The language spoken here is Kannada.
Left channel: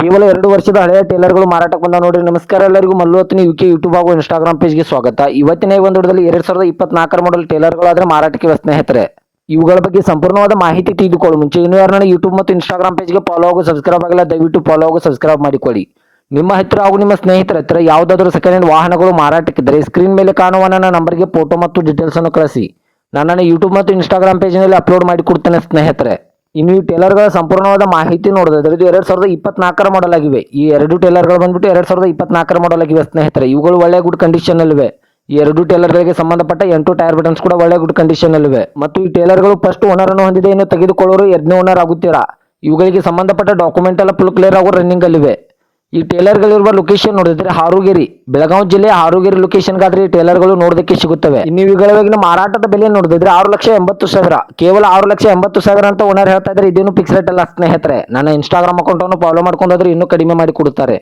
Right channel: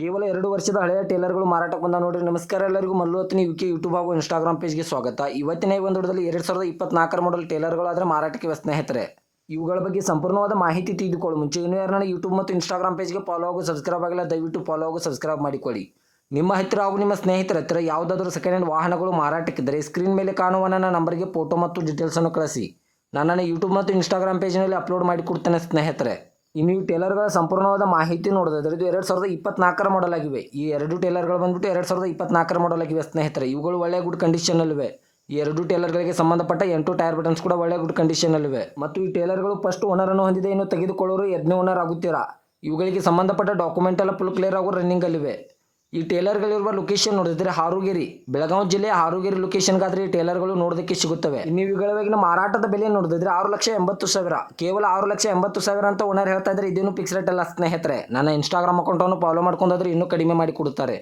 ಕೇವಲ 2 ವರ್ಷದ ಹಳೆಯ ಟೇಲರ್ಗಳು ಮಾರಾಟಕ್ಕೆ ಬಂದ ನೋಡ್ರಿ. ನಮಸ್ಕಾರ ಎಲ್ಲರಿಗೂ, ಮಲ್ಲು ಹತ್ತನೇ ಯುಕೆ ಯೂಟ್ಯೂಬ್ ಹಾಗೂ ಇನ್ಸ್ಟಾಗ್ರಾಮ್ ಪೇಜ್ಗೆ ಸ್ವಾಗತ. ಇವತ್ತಿನ ಈ ಒಂದು ವಿಡಿಯೋದಲ್ಲಿ 2024 ಮಾಡೆಲ್ ಟೇಲರ್ಗಳಾದ್ರೆ ಮಾರಾಟಕ್ಕೆ ಇವೆ ಸ್ನೇಹಿತರೆ. ಇವುಗಳ ಬಗ್ಗೆ ಸಂಪೂರ್ಣವಾದ ಮಾಹಿತಿ ತಿಳಿದುಕೊಳ್ಳುವ ಮುಂಚೆ ಇನ್ನೂ ಯಾರನ್ನ ಯೂಟ್ಯೂಬ್ ಮತ್ತು ಇನ್ಸ್ಟಾಗ್ರಾಮ್ ಪೇಜ್ಗೆ ಫಾಲೋ ಹಾಗೂ ಸಬ್ಸ್ಕ್ರೈಬ್ ಆಗಿಲ್ಲ, ದಯವಿಟ್ಟು ಫಾಲೋ ಹಾಗೂ ಸಬ್ಸ್ಕ್ರೈಬ್ ಮಾಡಿಕೊಳ್ಳಿ. ನಿಮ್ಮ ಹತ್ತಿರ ಹಾಗೂ ನಿಮ್ಮ ಸ್ನೇಹಿತರ ಹತ್ತಿರ ಯಾವುದಾದರೂ ಸೆಕೆಂಡ್ ಹ್ಯಾಂಡ್ ವಾಹನಗಳು ಮಾರಾಟಕ್ಕಿದ್ದರೆ ಸ್ಕ್ರೀನ್ ಮೇಲೆ ಕಾಣುವ ನನ್ನ ನಂಬರ್ಗೆ ಫೋಟೋ ಮತ್ತು ಡೀಟೇಲ್ಸ್ ಅನ್ನು ಕಳಿಸಿ. ನಾನು ಯೂಟ್ಯೂಬ್ ಮತ್ತು ಇನ್ಸ್ಟಾಗ್ರಾಮ್ ಪೇಜ್ನಲ್ಲಿ ಅಪ್ಲೋಡ್ ಮಾಡಿ ಕೊಡ್ತೇನೆ ಸ್ನೇಹಿತರೆ. ಇನ್ನು ಈ ಟೇಲರ್ಗಳ ಸಂಪೂರ್ಣವಾದ ಮಾಹಿತಿ ನೋಡೋದಾದ್ರೆ ಇದು 2024 ಮಾಡೆಲ್ ಆಗಿವೆ. ಈ ಎರಡು ಟೇಲರ್ಗಳು ಬಂದ್ಬಿಟ್ಟು 2024 ಮಾಡೆಲ್ ಆಗಿವೆ ಸ್ನೇಹಿತರೆ. ಇವುಗಳು ಒಳ್ಳೆ ಗುಡ್ ಕಂಡೀಷನ್ ಅಲ್ಲಿವೆ. ಈ ಎರಡು ಟೇಲರ್ಗಳಿಗೆ ಸಂಬಂಧಪಟ್ಟ 8 ಟೈರ್ ಬಟನ್ಸ್ ಕೂಡ ಒಳ್ಳೆ ಗುಡ್ ಕಂಡೀಷನ್ ಅಲ್ಲಿವೆ. ಮತ್ತು ಈ ಟೇಲರ್ಗಳು ಫಸ್ಟ್ ಓನರ್ ಅನ್ನು ಹೊಂದಿದೆ, ಇನ್ನು ತೆಗೆದುಕೊಳ್ಳೋರು 2ನೇ ಓನರ್ ಆಗುತ್ತೀರಾ. ಇವುಗಳಿಗೆ ಸಂಬಂಧಪಟ್ಟ ಡಾಕ್ಯುಮೆಂಟ್ ಎಲ್ಲ ಫುಲ್ ಕ್ಲಿಯರ್ ಆಗೋ ರನ್ನಿಂಗ್ ಅಲ್ಲಿವೆ. ಈ ಟೇಲರ್ಗಳಿರುವ ಲೊಕೇಶನ್ ನೋಡಿದ್ರೆ ಹಾರುಗೇರಿ, ಬೆಳಗಾವಿ ಜಿಲ್ಲೆ ಹಾರುಗೇರಿ ಲೊಕೇಶನ್ಗಾದ್ರೆ ಈ ಟೇಲರ್ಗಳು ನೋಡೋದಕ್ಕೆ ಸಿಗುತ್ತವೆ. ಇನ್ನು ಇವುಗಳ ಮಾರಾಟದ ಬೆಲೆ ನೋಡಿದ್ರೆ 6,80,000, ಕೇವಲ 6,80,000 ಅಂತ ಓನರ್ ಹೇಳ್ತಾ ಇದ್ರೆ. ಇದೇನು ಫಿಕ್ಸ್ ರೇಟ್ ಅಲ್ಲ ಸ್ನೇಹಿತರೆ. ನನ್ನ ಇನ್ಸ್ಟಾಗ್ರಾಮ್ ಅಕೌಂಟ್ ಅನ್ನು ಫಾಲೋ ಮಾಡ್ಕೊಂಡ್ರೆ ಇನ್ನೂ ಕಡಿಮೆ ಮಾಡಿ ಕೊಡುತ್ತಾರೆ.